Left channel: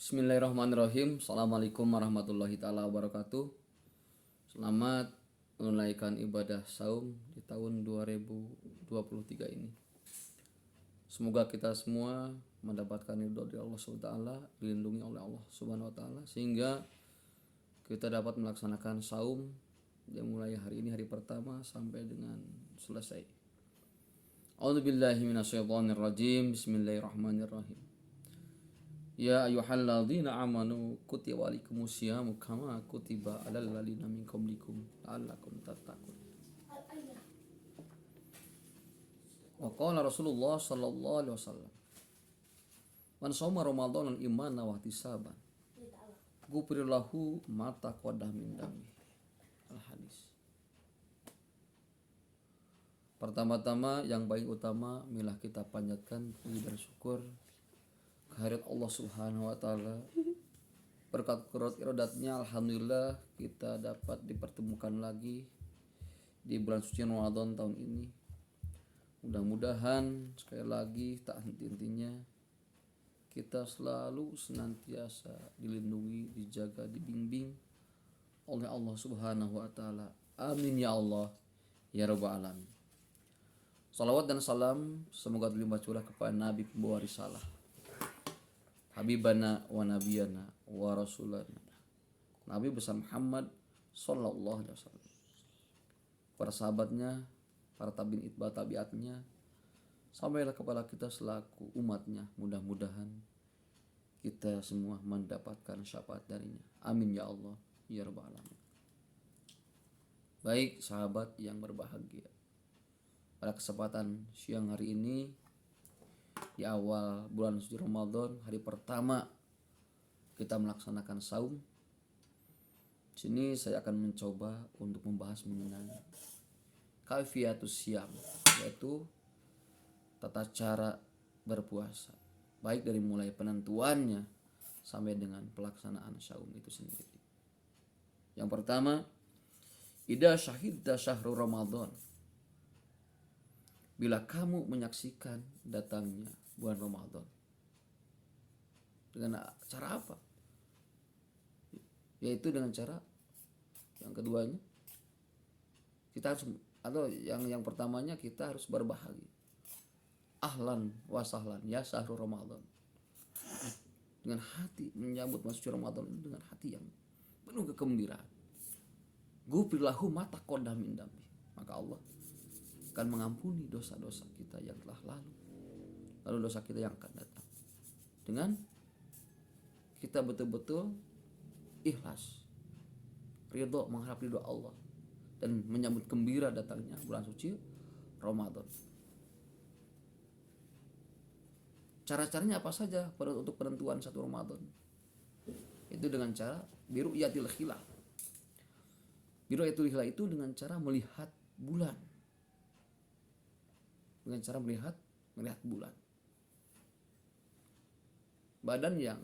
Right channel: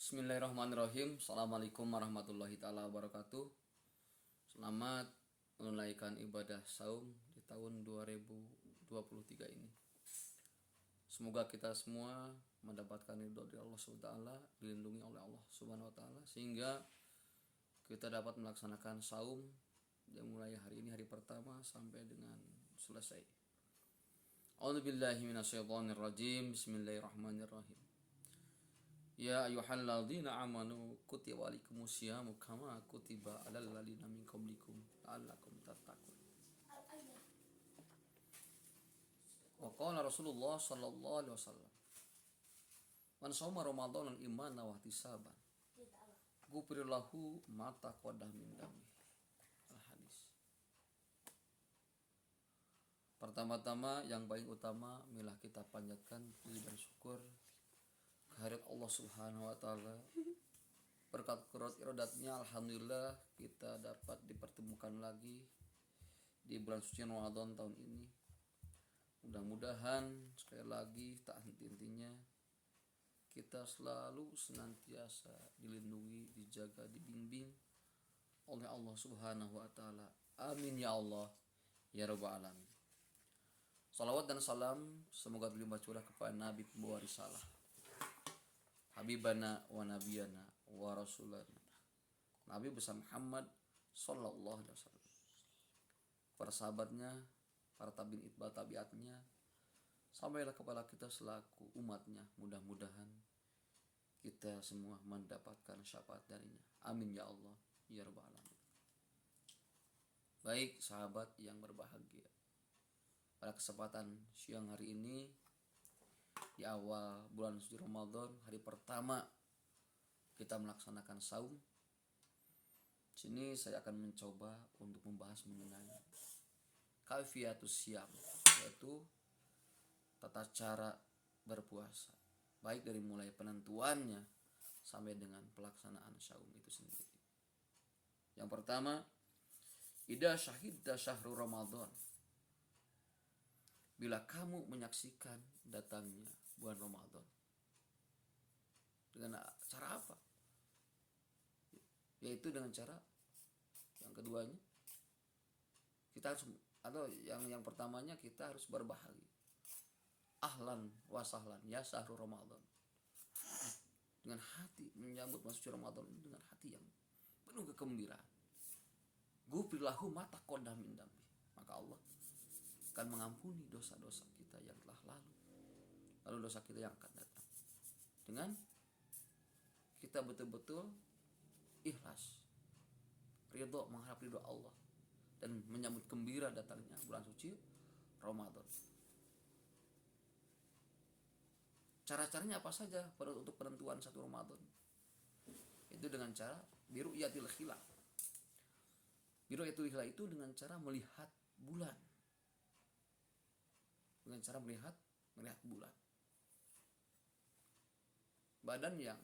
Bismillahirrahmanirrahim. Assalamualaikum warahmatullahi taala wabarakatuh. Selamat menunaikan ibadah saum di tahun 2023 ini. Semoga kita semua mendapatkan ridho dari Allah Subhanahu wa taala, dilindungi oleh Allah Subhanahu wa taala sehingga kita dapat melaksanakan saum yang mulai hari ini hari pertama sampai dengan selesai. A'udzubillahi minasyaitonirrajim. Bismillahirrahmanirrahim. Ya ayyuhalladzina amanu kutiba alaikumusyamu kama kutiba alal ladzina min qablikum la'allakum tattaqun. Wa qala Rasulullah sallallahu alaihi wasallam, man shoma ramadanan imanan wa ihtisaban ghufira lahu ma taqaddama min dambi. Al-hadis. Pertama-tama yang paling utama marilah kita panjatkan puji dan syukur kehadirat Allah Subhanahu wa taala. Berkat kurat iradatnya alhamdulillah kita dapat dipertemukan lagi di bulan suci Ramadan tahun ini. Mudah-mudahan sekali lagi tak henti-hentinya kita selalu senantiasa dilindungi, dijaga, dibimbing oleh Allah Subhanahu wa taala. Amin ya Allah ya rabbal alamin. Salawat dan salam semoga terlimpah curah kepada Nabi pembawa risalah, Habibana wa nabiyana wa rasulana Nabi besar Muhammad sallallahu alaihi wasallam, para sahabatnya, para tabi'in itba tabiatnya, sampailah kepada kita selaku umatnya. Mudah-mudahan kita semua mendapatkan syafaat darinya. Amin ya Allah ya rabbal alamin. Baik sahabat yang berbahagia, pada kesempatan siang hari ini di awal bulan suci Ramadan, hari pertama kita melaksanakan saum. Sini saya akan mencoba untuk membahas mengenai kaifiyatus syam, yaitu tata cara berpuasa, baik dari mulai penentuannya sampai dengan pelaksanaan saum itu sendiri. Yang pertama, idza syahidta syahrul Ramadan, bila kamu menyaksikan datangnya bulan Ramadan. Dengan cara apa? Yaitu dengan cara yang keduanya kita harus, atau yang pertamanya kita harus berbahagia. Ahlan wa sahlan ya syahrul Ramadan. Dengan hati menyambut masuk Ramadan itu dengan hati yang penuh kegembiraan. Ghufirlahu ma taqaddama min dambi. Maka Allah akan mengampuni dosa-dosa kita yang telah lalu dosa kita yang akan datang, dengan kita betul-betul ikhlas, ridho, mengharap ridho Allah dan menyambut gembira datangnya bulan suci Ramadan. Cara-caranya apa saja untuk penentuan satu Ramadan? Itu dengan cara biru'yatil hilal. Biru'yatil hilal itu dengan cara melihat bulan. Dengan cara melihat bulan. Badan yang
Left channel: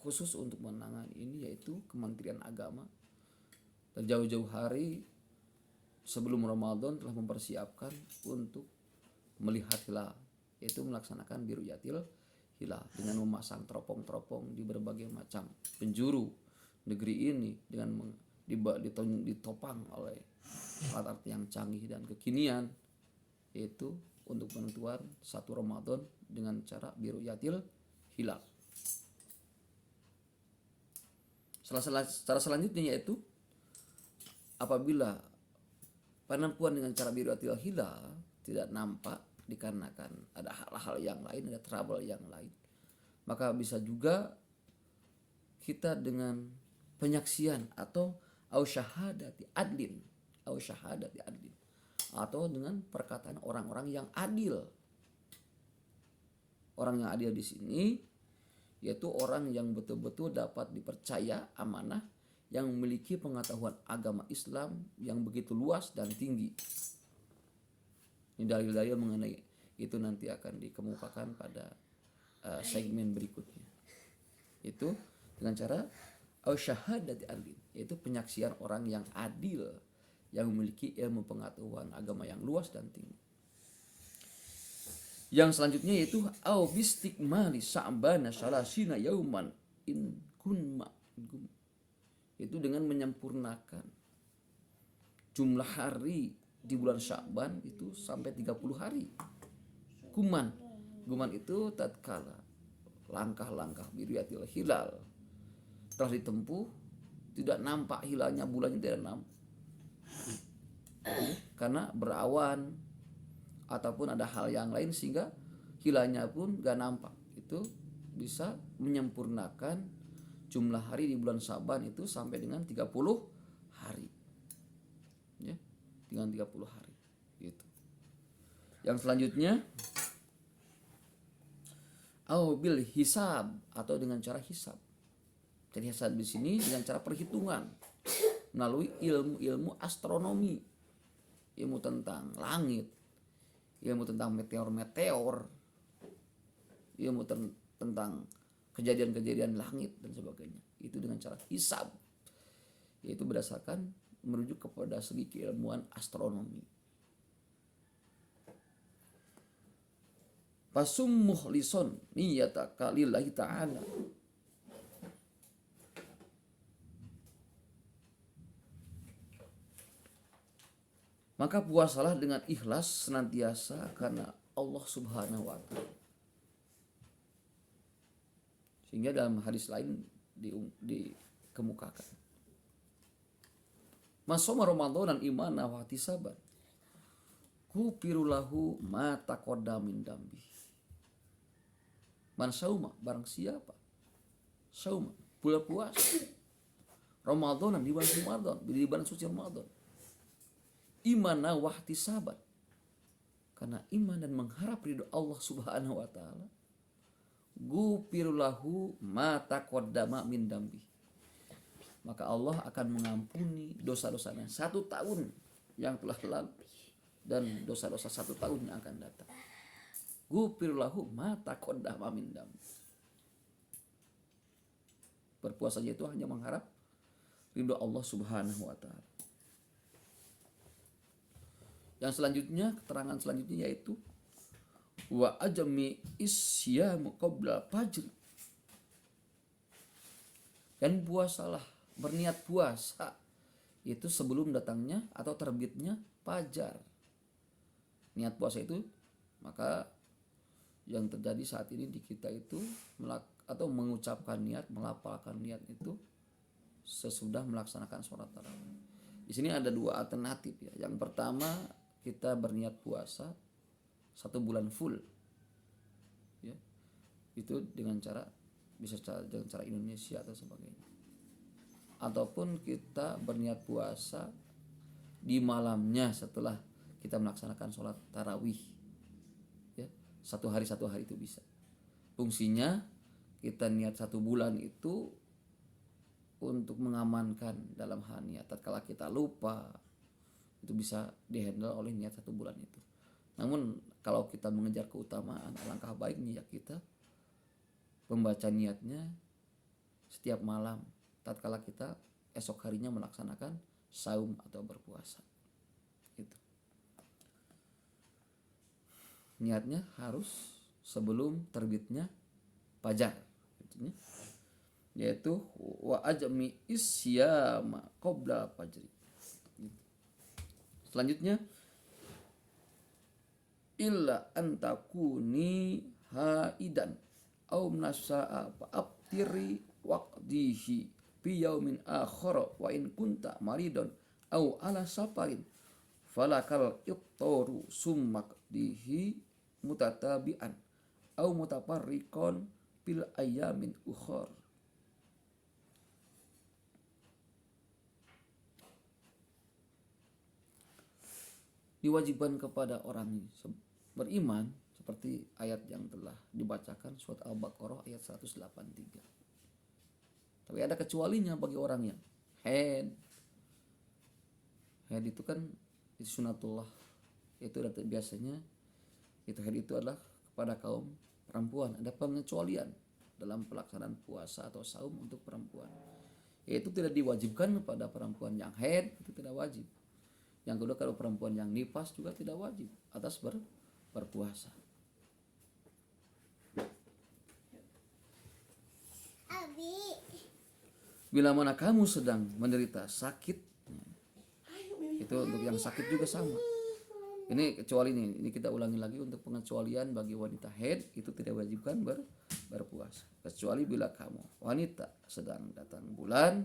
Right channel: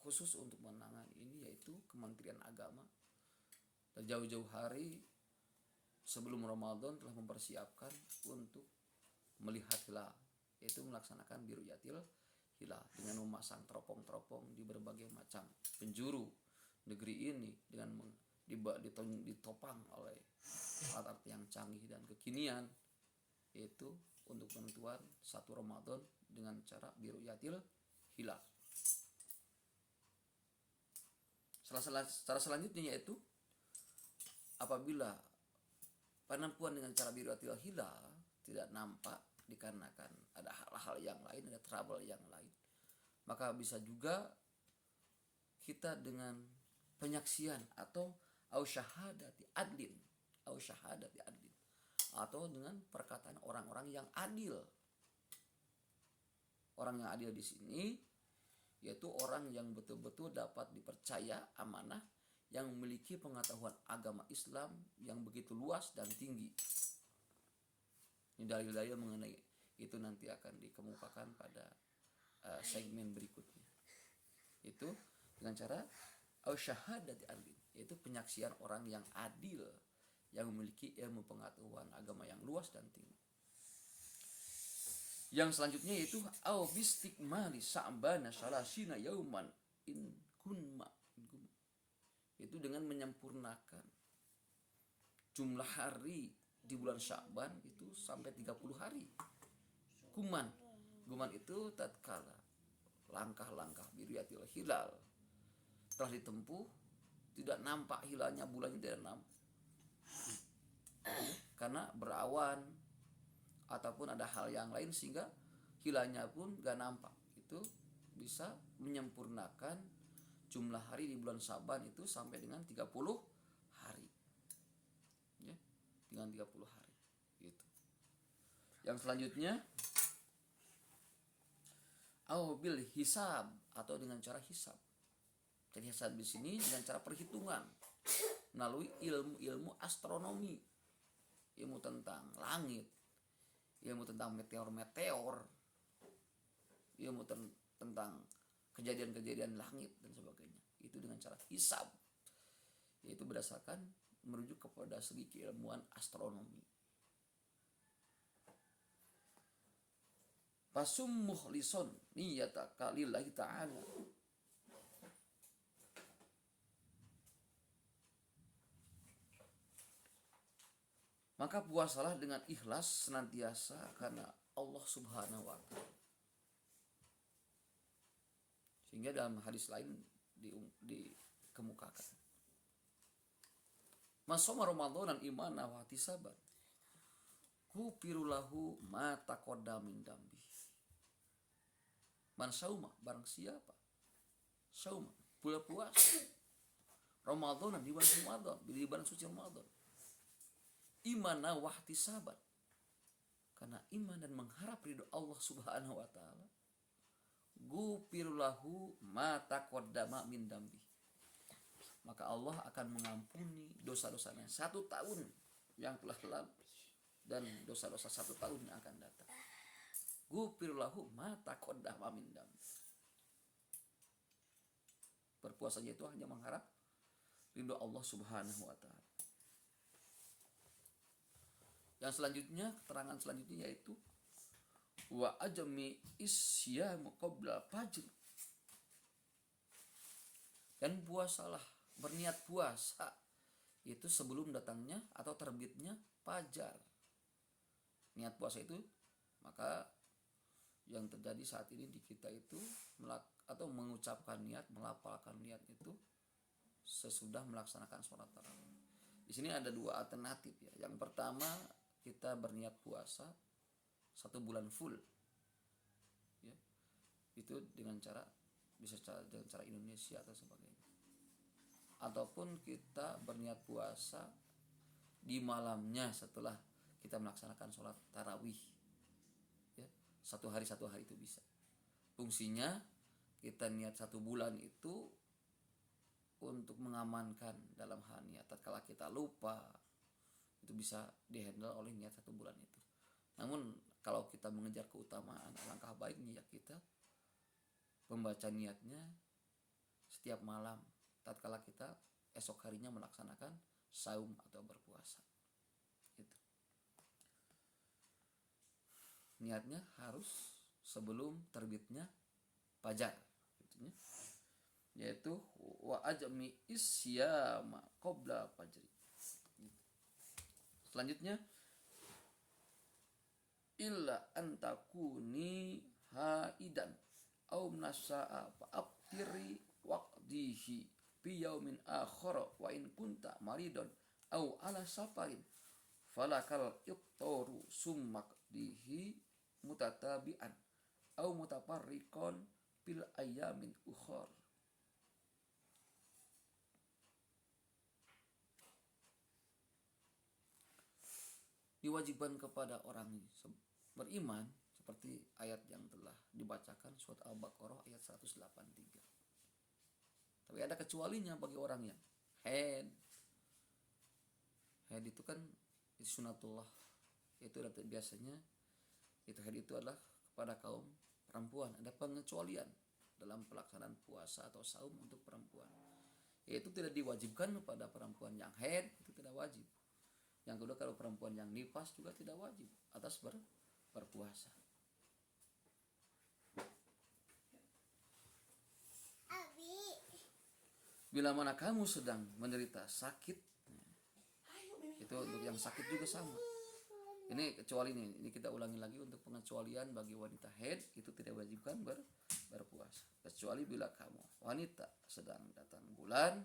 khusus untuk menangani ini yaitu Kementerian Agama, dan jauh-jauh hari sebelum Ramadan telah mempersiapkan untuk melihat hilal, yaitu melaksanakan biru'yatil hilal dengan memasang teropong-teropong di berbagai macam penjuru negeri ini dengan ditopang oleh alat yang canggih dan kekinian, yaitu untuk penentuan satu Ramadan dengan cara biru'yatil hilal. Cara selanjutnya yaitu apabila penentuan dengan cara biru'yatil hilal tidak nampak dikarenakan ada hal-hal yang lain, ada trouble yang lain, maka bisa juga kita dengan penyaksian atau syahadati adlin atau dengan perkataan orang-orang yang adil. Orang yang adil di sini yaitu orang yang betul-betul dapat dipercaya, amanah, yang memiliki pengetahuan agama Islam yang begitu luas dan tinggi. Dalil-dalil mengenai itu nanti akan dikemukakan pada segmen berikutnya. Itu dengan cara syahadati adlin, yaitu penyaksian orang yang adil yang memiliki ilmu pengetahuan agama yang luas dan tinggi. Yang selanjutnya yaitu au bistikmali sa'bana salasina yauman gunma, itu dengan menyempurnakan jumlah hari di bulan Sya'ban itu sampai 30 hari. Guman itu tatkala langkah-langkah biriyatil hilal telah ditempuh, tidak nampak hilalnya bulannya, tidak nampak karena berawan ataupun ada hal yang lain sehingga hilalnya pun gak nampak. Itu bisa menyempurnakan jumlah hari di bulan Sya'ban itu sampai dengan 30 hari ya, dengan 30 hari gitu. Yang selanjutnya bil hisab, atau dengan cara hisab. Jadi hisab di sini dengan cara perhitungan melalui ilmu astronomi, ilmu tentang langit, ilmu tentang meteor, ilmu tentang kejadian-kejadian langit dan sebagainya. Itu dengan cara hisab, yaitu berdasarkan merujuk kepada segi keilmuan astronomi. Fasum muhlison niyataka lillahi ta'ala. Maka puasalah dengan ikhlas senantiasa karena Allah Subhanahu wa ta'ala. Sehingga dalam hadis lain dikemukakan, Masoma Ramadan imana wa ihtisaban kupirulahu ma taqaddama min dambi. Man sauma, barang siapa sauma, puasa Ramadan di bulan Ramadan, di bulan suci Ramadan, imana wa ihtisaban, karena iman dan mengharap ridho Allah Subhanahu wa ta'ala, gupirulahu ma taqaddama min dambi, maka Allah akan mengampuni dosa-dosanya 1 tahun yang telah lalu dan dosa-dosa 1 tahun yang akan datang. Gupirulahu ma taqaddama min dambi. Berpuasa itu hanya mengharap ridho Allah Subhanahu wa ta'ala. Yang selanjutnya, keterangan selanjutnya yaitu wa ajmi isyamu qabla fajr. Dan puasalah, berniat puasa itu sebelum datangnya atau terbitnya fajar. Niat puasa itu, maka yang terjadi saat ini di kita itu atau mengucapkan niat, melafalkan niat itu sesudah melaksanakan sholat tarawih. Di sini ada 2 alternatif ya. Yang pertama, kita berniat puasa 1 bulan full ya, itu dengan cara dengan cara Indonesia atau sebagainya, ataupun kita berniat puasa di malamnya setelah kita melaksanakan sholat tarawih ya, 1 hari itu bisa. Fungsinya kita niat 1 bulan itu untuk mengamankan dalam hal niat. Tatkala kita lupa, itu bisa dihandle oleh niat 1 bulan itu. Namun kalau kita mengejar keutamaan, alangkah baiknya ya kita membaca niatnya setiap malam tatkala kita esok harinya melaksanakan saum atau berpuasa. Itu niatnya harus sebelum terbitnya fajar, yaitu wa ajmi isyama qabla fajri. Selanjutnya, illa antakuni haidan au nasa'a fa'aftiri waqdihi fi yaumin akhara wa in kunta maridon au ala safarin falakal iftaru summakdihi mutatabi'an au mutafarriqan fil ayamin ukhar. Diwajibkan kepada orang beriman seperti ayat yang telah dibacakan surat Al-Baqarah ayat 183. Tapi ada kecualinya bagi orang yang haid itu kan itu sunatullah, itu biasanya itu haid itu adalah kepada kaum perempuan. Ada pengecualian dalam pelaksanaan puasa atau saum untuk perempuan, yaitu tidak diwajibkan kepada perempuan yang haid, itu tidak wajib. Yang kedua, kalau perempuan yang nifas juga tidak wajib atas berpuasa. Abi. Bila mana kamu sedang menderita sakit, itu untuk yang sakit juga sama. Ini kecuali ini kita ulangi lagi untuk pengecualian bagi wanita haid itu tidak wajibkan berpuasa. Kecuali bila kamu wanita sedang datang bulan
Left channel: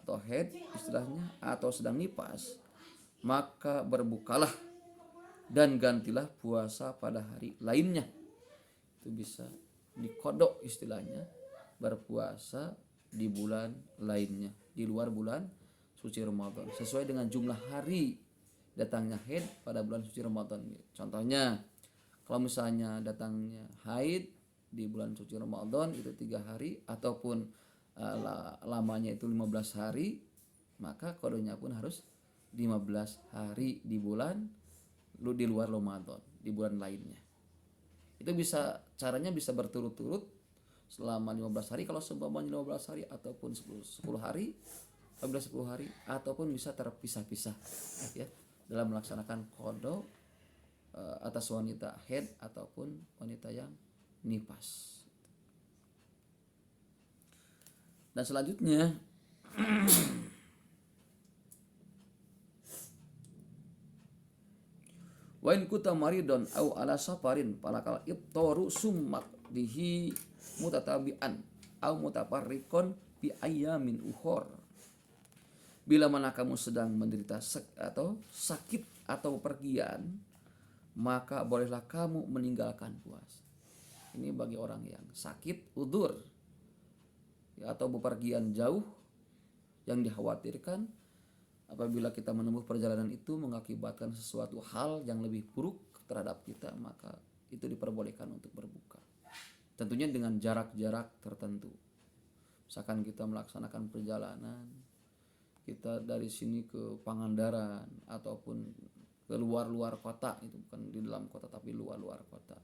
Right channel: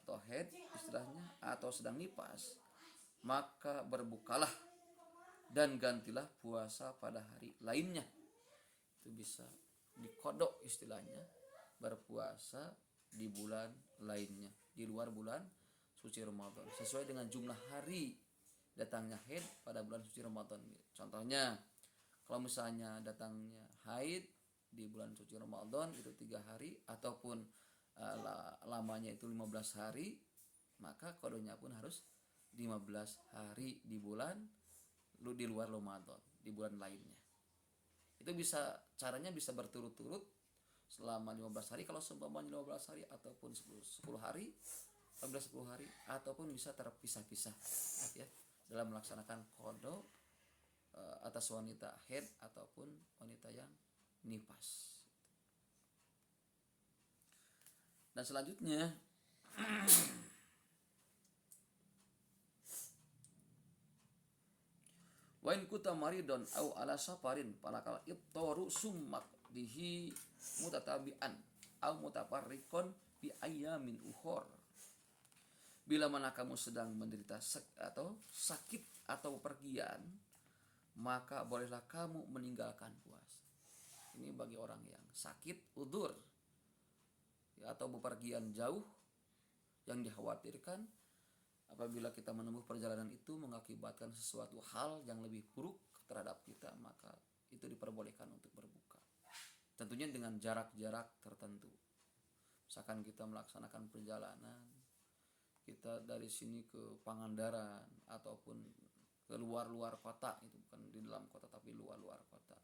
atau haid istilahnya atau sedang nifas, maka berbukalah dan gantilah puasa pada hari lainnya. Itu bisa dikodok istilahnya, berpuasa di bulan lainnya di luar bulan suci Ramadan sesuai dengan jumlah hari datangnya haid pada bulan suci Ramadan. Contohnya kalau misalnya datangnya haid di bulan suci Ramadan itu 3 hari ataupun lamanya itu 15 hari, maka kodenya pun harus 15 hari di bulan di luar Ramadan, di bulan lainnya. Itu bisa caranya bisa berturut-turut selama 15 hari kalau seumpamanya 15 hari ataupun 10 hari, 10 hari ataupun bisa terpisah-pisah ya dalam melaksanakan qada atas wanita haid ataupun wanita yang nifas. Dan selanjutnya wa in kunta maridon au ala safarin falakal iftaru summak bihi mutatabian au mutafarriqon bi ayyamin ukhor. Bila mana kamu sedang menderita atau sakit atau pergian, maka bolehlah kamu meninggalkan puasa. Ini bagi orang yang sakit udzur ya, atau bepergian jauh yang dikhawatirkan apabila kita menempuh perjalanan itu mengakibatkan sesuatu hal yang lebih buruk terhadap kita, maka itu diperbolehkan untuk berbuka. Tentunya dengan jarak-jarak tertentu. Misalkan kita melaksanakan perjalanan, kita dari sini ke Pangandaran ataupun ke luar-luar kota, itu bukan di dalam kota tapi luar-luar kota,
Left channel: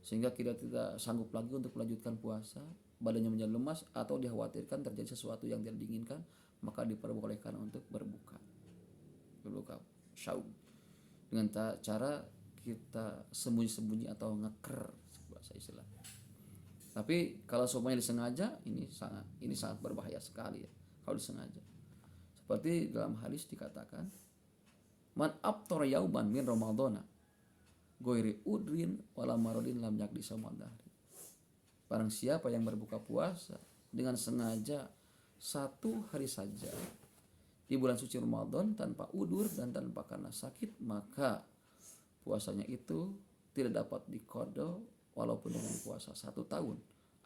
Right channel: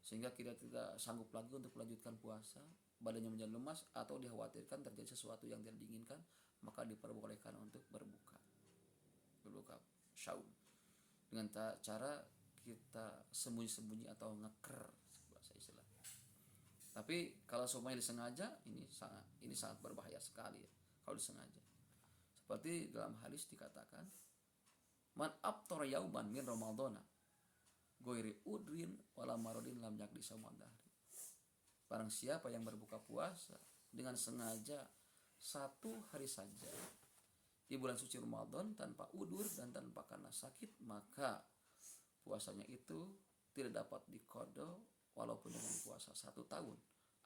sehingga kita tidak sanggup lagi untuk melanjutkan puasa, badannya menjadi lemas atau dikhawatirkan terjadi sesuatu yang tidak diinginkan, maka diperbolehkan untuk berbuka saum dengan cara kita sembunyi-sembunyi atau ngeker bahasa istilah. Tapi kalau semuanya disengaja, ini sangat berbahaya sekali ya kalau disengaja. Seperti dalam hadis dikatakan, man aftara yauman min ramadhana ghairi udrin wala maradin lam yakdi samadahri. Barang siapa yang berbuka puasa dengan sengaja satu hari saja di bulan suci Ramadan tanpa udur dan tanpa karena sakit, maka puasanya itu tidak dapat diqada walaupun dengan puasa 1 tahun,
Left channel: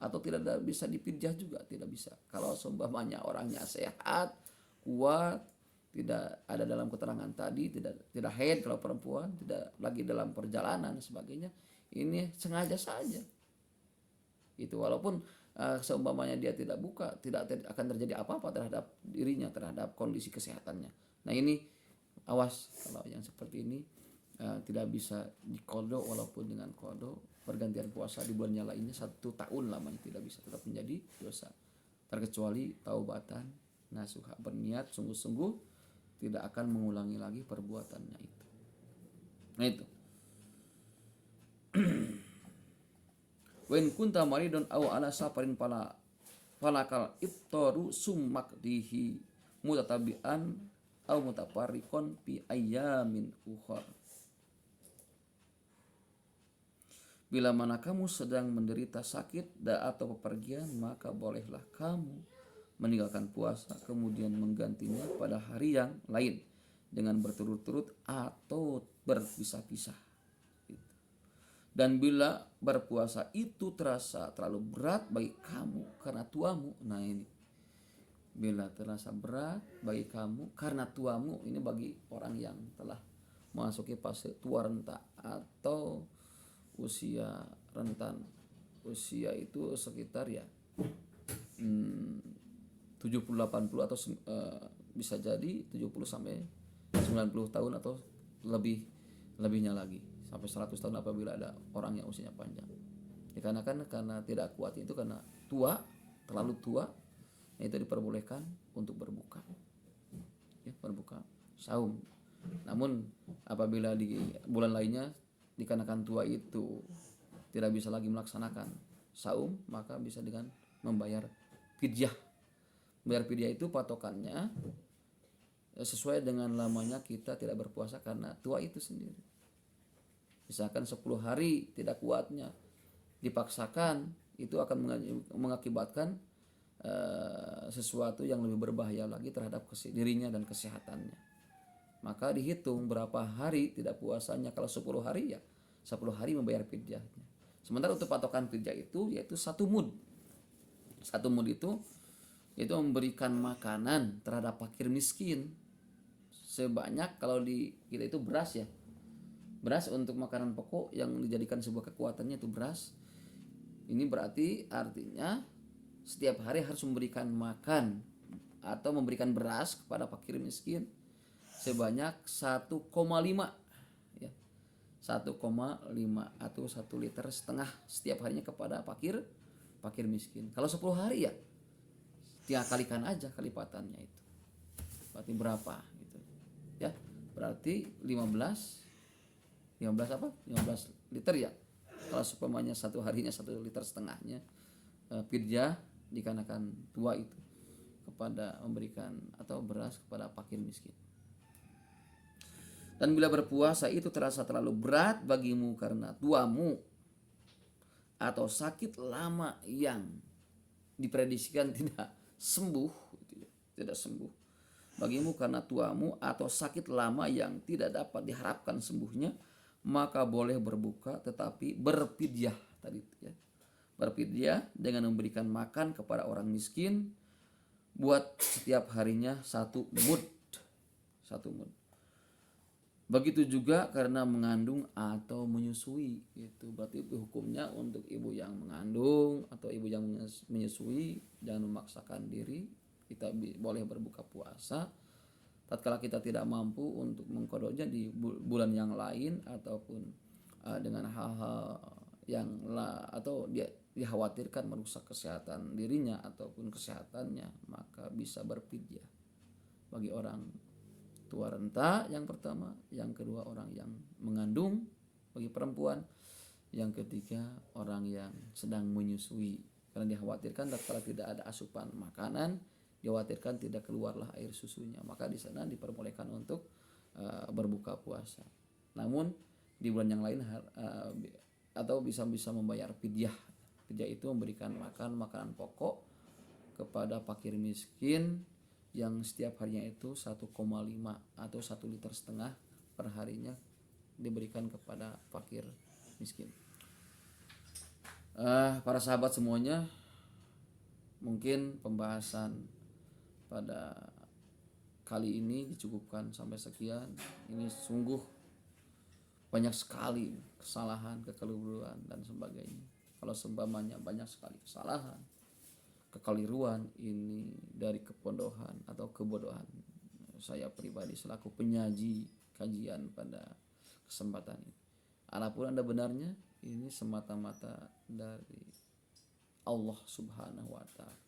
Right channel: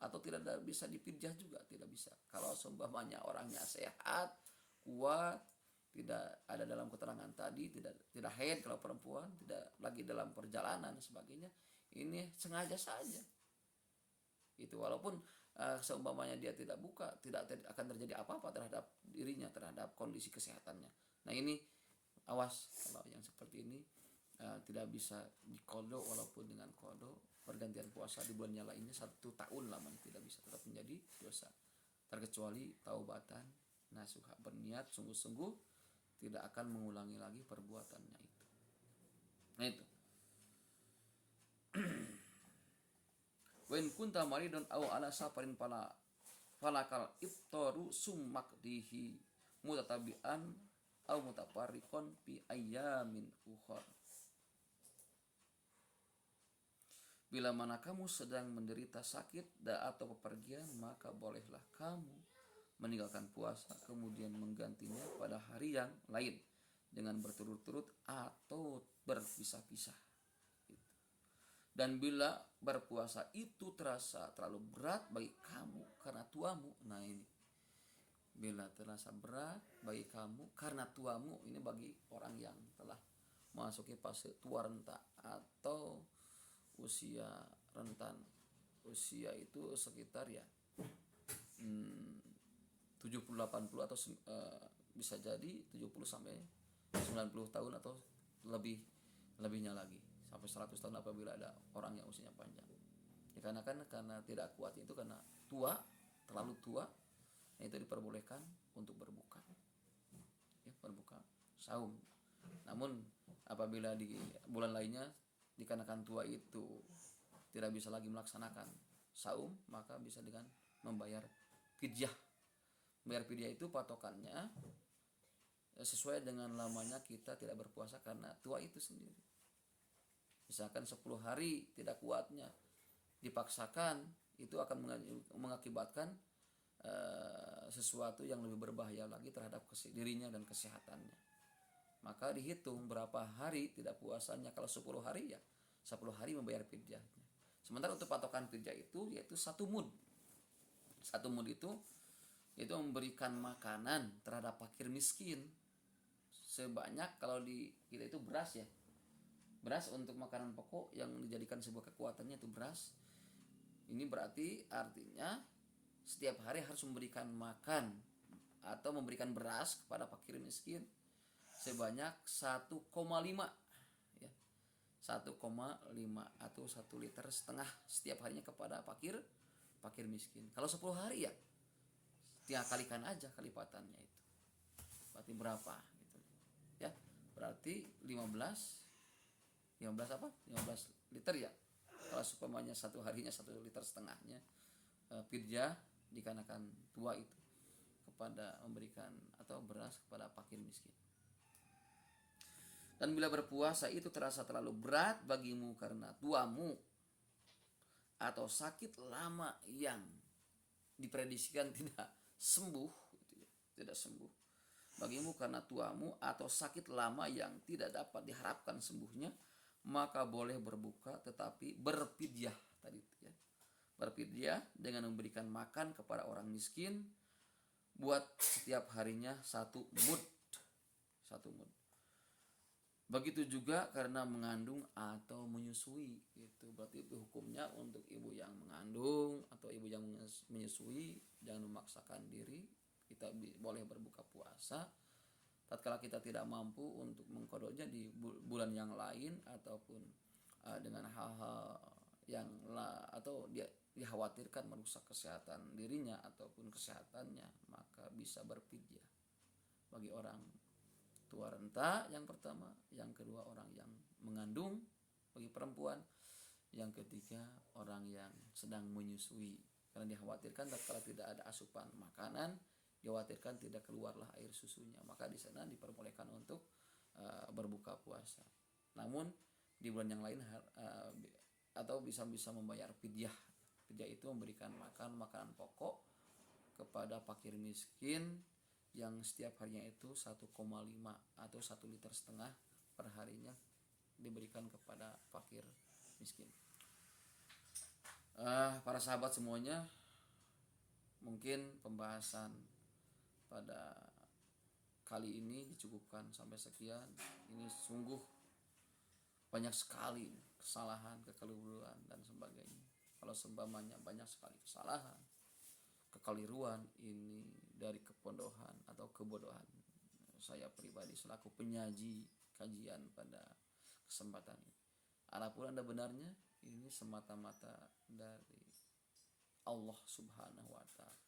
atau tidak bisa dipidyah juga, tidak bisa. Kalau seumpamanya orangnya sehat, kuat, tidak ada dalam keterangan tadi, tidak haid kalau perempuan, tidak lagi dalam perjalanan sebagainya, ini sengaja saja. Itu walaupun seumpamanya dia tidak buka, tidak akan terjadi apa-apa terhadap dirinya, terhadap kondisi kesehatannya. Nah ini awas kalau yang seperti ini tidak bisa diqada walaupun dengan qada pergantian puasa di bulan yang lainnya 1 tahun lamanya, tidak bisa, tetap menjadi dosa. Terkecuali taubatan nasuha, berniat sungguh-sungguh tidak akan mengulangi lagi perbuatannya itu. Nah itu. Wa in kunta maridun aw ala safarin falakal iftaru summak dihi mutatabian aw mutafarriqon fi ayyamin ukhar. Bila mana kamu sedang menderita sakit atau bepergian, maka bolehlah kamu meninggalkan puasa kemudian menggantinya pada hari yang lain dengan berturut-turut atau berpisah-pisah. Dan bila berpuasa itu terasa terlalu berat bagi kamu karena tuamu, nah ini bila terasa berat bagi kamu karena tuamu, ini bagi orang yang telah memasuki fase tua renta atau usia rentan. Usia itu sekitar ya 70-80 atau bisa jadi 70 sampai 90 tahun atau lebihnya lagi sampai 100 tahun apabila ada orang yang usianya panjang. Dikarenakan karena tidak kuat itu karena tua, terlalu tua, itu diperbolehkan untuk berbuka. Ya, berbuka saum. Namun apabila di bulan lainnya dikarenakan tua itu tidak bisa lagi melaksanakan saum, maka bisa dengan membayar fidyah Bayar fidyah itu patokannya sesuai dengan lamanya kita tidak berpuasa karena tua itu sendiri. Misalkan 10 hari tidak kuatnya, dipaksakan, itu akan mengakibatkan sesuatu yang lebih berbahaya lagi terhadap dirinya dan kesehatannya. Maka dihitung berapa hari tidak puasanya. Kalau 10 hari ya 10 hari membayar fidyahnya. Sementara untuk patokan fidyah itu yaitu 1 mud. 1 mud itu memberikan makanan terhadap fakir miskin sebanyak, kalau di kita itu beras ya. Beras untuk makanan pokok yang dijadikan sebuah kekuatannya itu beras. Ini berarti artinya setiap hari harus memberikan makan atau memberikan beras kepada fakir miskin sebanyak 1,5 ya. 1,5 atau 1,5 liter setiap harinya kepada fakir miskin. Kalau 10 hari ya tinggal kalikan aja kelipatannya itu. Berarti berapa gitu. Ya, berarti 15 liter ya. Kalau supaya satu harinya 1,5 liter fidyah dikarenakan tua itu kepada memberikan atau beras kepada fakir miskin. Dan bila berpuasa itu terasa terlalu berat bagimu karena tuamu atau sakit lama yang diprediksikan tidak sembuh, bagimu karena tuamu atau sakit lama yang tidak dapat diharapkan sembuhnya, maka boleh berbuka tetapi berfidyah tadi ya. Berfidyah dengan memberikan makan kepada orang miskin buat setiap harinya 1 mud. Begitu juga karena mengandung atau menyusui itu. Berarti itu hukumnya untuk ibu yang mengandung atau ibu yang menyusui, jangan memaksakan diri. Kita boleh berbuka puasa tatkala kita tidak mampu untuk mengqadanya di bulan yang lain ataupun dengan hal-hal yang atau dia dikhawatirkan merusak kesehatan dirinya ataupun kesehatannya, maka bisa berfidyah. Bagi orang tua renta yang pertama, yang kedua orang yang mengandung bagi perempuan, yang ketiga orang yang sedang menyusui, karena dikhawatirkan kalau tidak ada asupan makanan, dikhawatirkan tidak keluarlah air susunya, maka di sana diperbolehkan untuk berbuka puasa. Namun di bulan yang lain atau bisa membayar fidyah. Fidyah itu memberikan makanan pokok kepada fakir miskin yang setiap harinya itu 1,5 atau 1,5 liter per harinya diberikan kepada fakir miskin. Para sahabat semuanya, mungkin pembahasan pada kali ini dicukupkan sampai sekian. Ini sungguh banyak sekali kesalahan, kekeliruan dan sebagainya. Kalau seumpamanya banyak sekali kesalahan, kekeliruan ini dari kebodohan atau kebodohan saya pribadi selaku penyaji kajian pada kesempatan ini. Adapun ada benarnya, ini semata-mata dari Allah Subhanahu wa Ta'ala.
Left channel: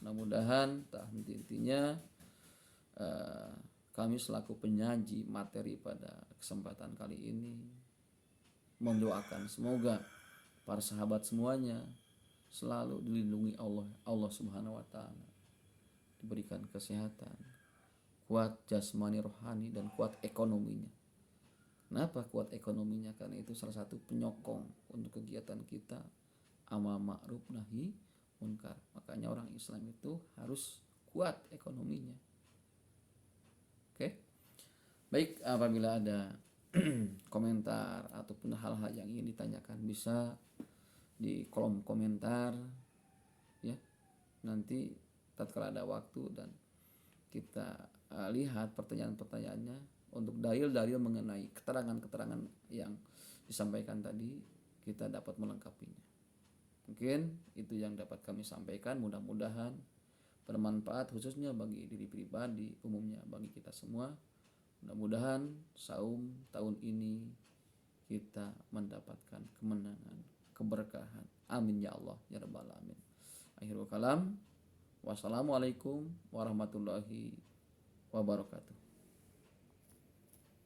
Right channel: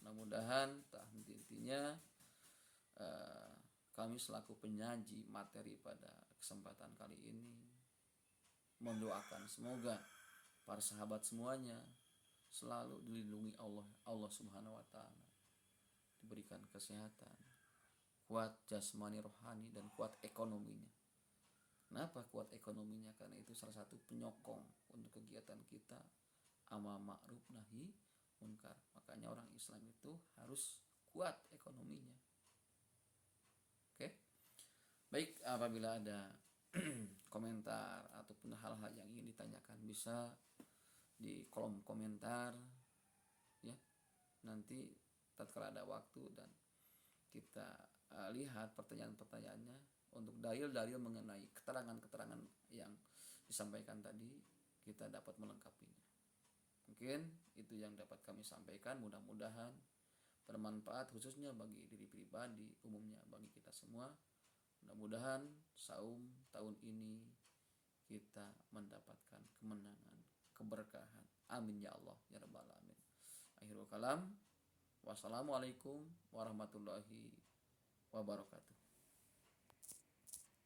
Mudah-mudahan tak henti-hentinya kami selaku penyaji materi pada kesempatan kali ini mendoakan semoga para sahabat semuanya selalu dilindungi Allah Subhanahu wa Ta'ala, diberikan kesehatan, kuat jasmani rohani dan kuat ekonominya. Kenapa kuat ekonominya? Karena itu salah satu penyokong untuk kegiatan kita amal ma'ruf nahi munkar. Makanya orang Islam itu harus kuat ekonominya. Oke. Baik, apabila ada komentar ataupun hal-hal yang ingin ditanyakan bisa di kolom komentar ya. Nanti tatkala ada waktu dan kita lihat pertanyaan-pertanyaannya untuk dalil-dalil mengenai keterangan-keterangan yang disampaikan tadi, kita dapat melengkapinya. Mungkin itu yang dapat kami sampaikan, mudah-mudahan bermanfaat khususnya bagi diri pribadi, umumnya bagi kita semua. Mudah-mudahan saum tahun ini kita mendapatkan kemenangan, keberkahan. Amin ya Allah ya rabbal alamin. Akhirul kalam. Wassalamualaikum warahmatullahi wabarakatuh.